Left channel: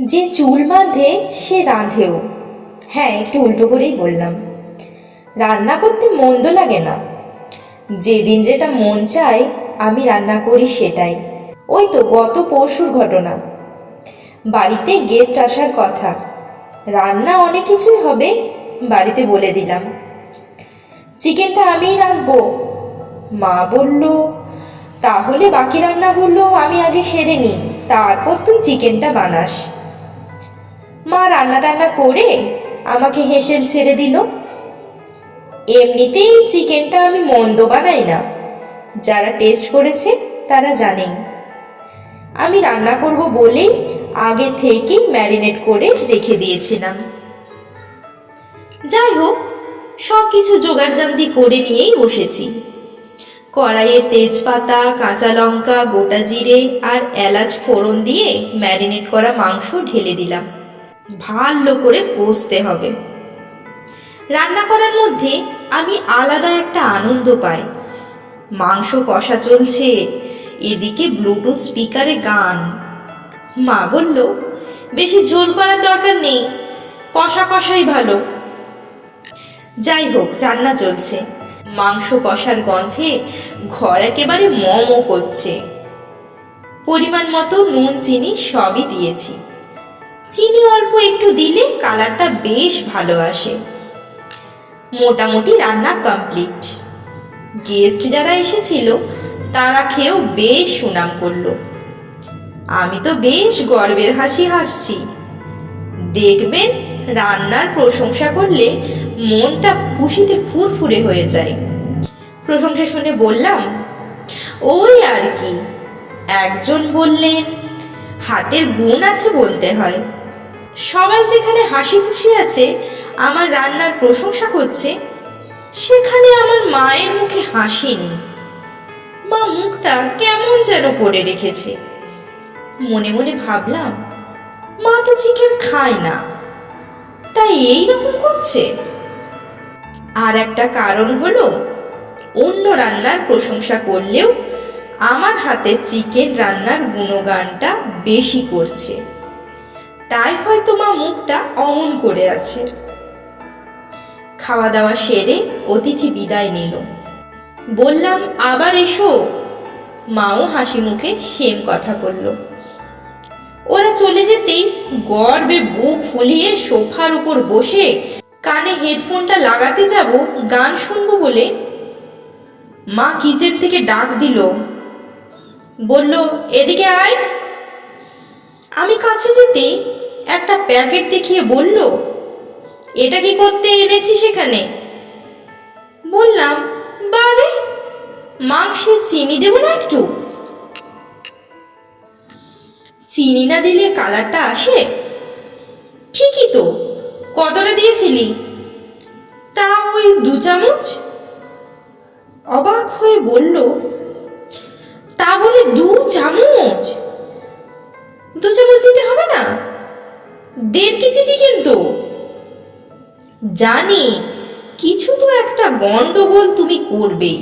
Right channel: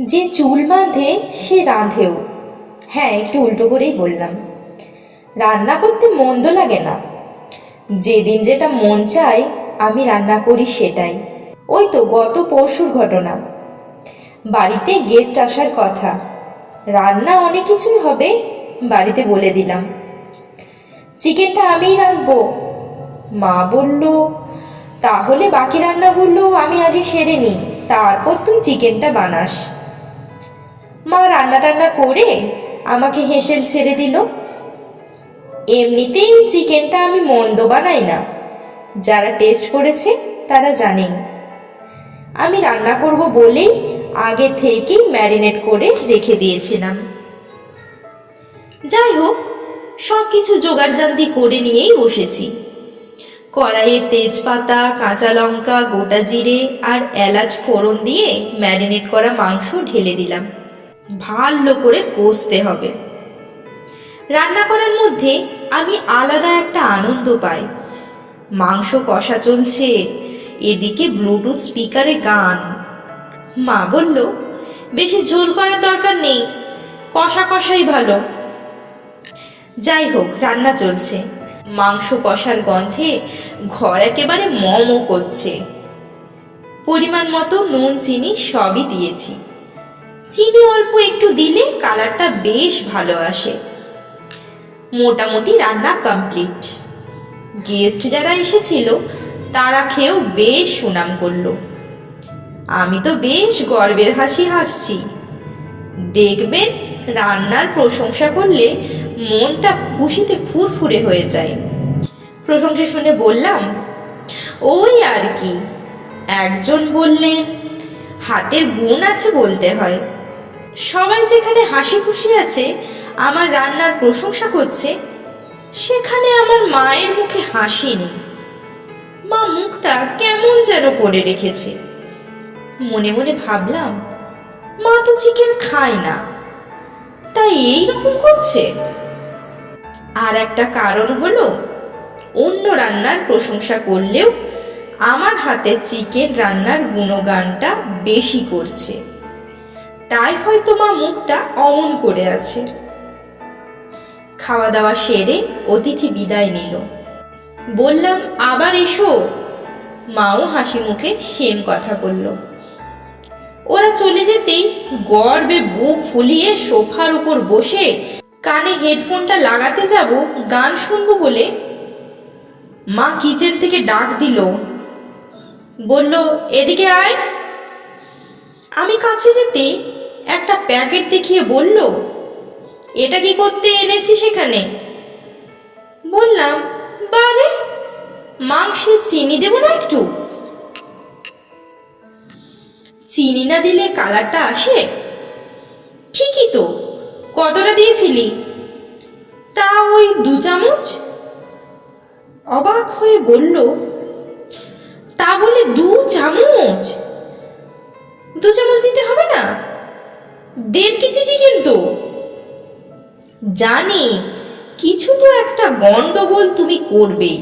যে চুল বাঁধে, সে রাঁধেও। হ্যাঁ একটু উল্টো করেই বললাম। রান্না করতে মন্দ লাগে না। যেদিন যেটা মন চায়, আমি রান্না করি সেটাই। ওই তো গত পরশুর ঘটনা। বাড়িতে গেস্ট আসার কথা। রান্না অনেক কিছুই হবে, বাড়িতে বলে দিলাম। চিকেনটা আমিই রাঁধবো। মা বলল, তাহলে বাকি রান্নাগুলো আমি আগে সেরে নিই, তারপর তুই চিকেনটা বানাস। মা রান্না টান্না করে আমাকে হেসেল ছেড়ে দিল। এমনিতেই চিকেনটা আমি মন্দ বানাই না। যারা টেস্ট করেছে, তারা জানেই। আমি রান্না করব বলেই আগে থেকেই ম্যারিনেট করে রেখে দিয়েছিলাম। যাই হোক সব কিছু জোগাড়জান্তি করে নিয়েই বসেছি। কড়াইয়ে তেজপাতা, কাঁচা লঙ্কা, গোটা জিরে আর এলাচ ফোড়ন দিয়ে ম্যারিনেট করা মাংস ঢেলে দিলাম। ভালো করে কষতে হবে। রান্না করার মধ্যে আমি আলাদা একটা আনন্দ পাই। মাংস কষা চলছে, এদিকে ব্লুটুথ স্পিকারে গান। মা বলল, বেশি ঝোল করার দরকার নেই, কষা কষাই ভালো। যাই হোক, রান্না চলছে। মাংস কষার গন্ধে ঘর একেবারে মম করছে। পরিমাণ মতো নুন, চিনি সবই দিয়েছি। চিনি অল্প একটু দিলে কালারটা বেশ ভালো আসে। মোটামুটি রান্না কমপ্লিট। গেস্ট যারা এসেছিল, তারা খেয়েও বেশ সুনাম করল। আমি তো বেশ গর্বের হাসি হাসছি। দেখবেন, রান্নার প্রশংসা করলে মনটা খুশিতে ফুরফুরে হয়ে যায়। প্রশংসা শুনে বললাম, ওই আর কি। একজন বললেন, হাতের গুণ আছে বলতে হয়। সবাই যেখানে হাসি খুশি আছে, আমার রান্নার প্রশংসা করছে, সেখানে আমার মায়ের মুখে হাসি নেই। মা মুখটা কেমন যেন করে রেখেছে। মনে মনে ভাবলাম, মা তো চিকেন খায় না, তাই এই রকম করছে। আর একটা কারণ হলো, অন্য রান্নার প্রশংসা করলেও আমার হাতে চিকেন রান্নার গুণগানটা বেশি করছে। তাই হয়তো মা মুখটা অমন করে আছে। খাওয়া দাওয়া সেরে অতিথি বিদায় নিল। বললাম, আবার এসো। মাও হাসি মুখে সেম কথা বলল। ওরা চলে যেতেই গর্বে বুক ফুলিয়ে সোফার উপর বসে কানে হেডফোনটা লাগাতে যাব, গান শুনব বলে মা কিচেন থেকে ডাক দিল। বলল, এদিকে আয়। আমি কাছে যেতেই একটা প্যাকেট দেখিয়ে বলল, এটা কি করতে এনেছি সেখানে? বললাম, বারে, মাংসে চিনি দেবো না একটু? চিনি না দিলে কালারটা আসে? ঠিকই তো, কতটা দিয়েছিলি? তা ওই দু চামচ। অবাক হয়ে বলল, তা বলে দু চামচ? জানি, কিছু তো একটা গন্ডগোল তুমি করবেই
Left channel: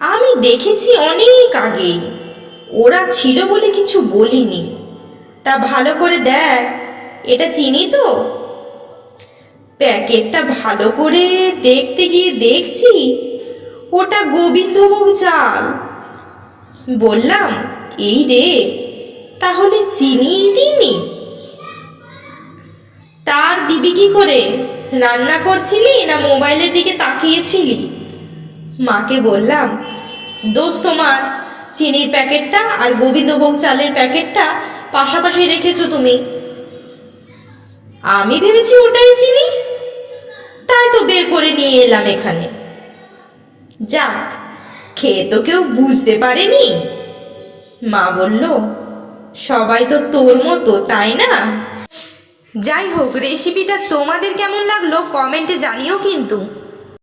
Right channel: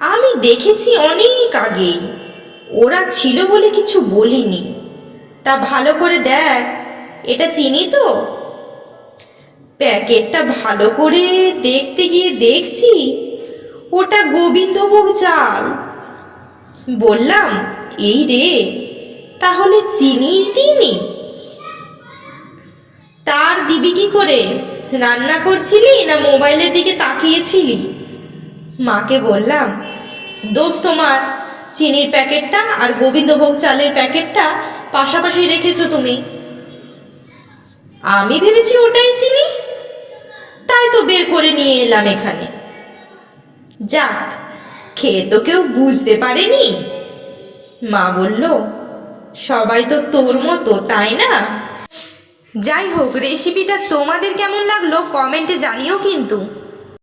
আমি দেখেছি অনেক আগেই, ওরা ছিল বলে কিছু বলিনি। তা ভালো করে দেখ, এটা চিনি তো? প্যাকেটটা ভালো করে দেখতে গিয়ে দেখছি, ওটা গোবিন্দভোগ চাল। বললাম, এই রে, তাহলে চিনি দিইনি? তার দিবি কি করে? রান্না করছিলি না মোবাইলের দিকে তাকিয়েছিলি? মাকে বললাম দোষ তোমার, চিনির প্যাকেটটা আর গোবিন্দভোগ চালের প্যাকেটটা পাশাপাশি রেখেছো তুমি। আমি ভেবেছি ওটাই চিনি। তাই তো বের করে নিয়ে এলাম এখানে। যাক, খেয়ে তো কেউ বুঝতে পারেনি। মা বলল, সবাই তো তোর মতো, তাই না? যাই হোক রেসিপিটা তোমাদের কেমন লাগল কমেন্টে জানিও কিন্তু।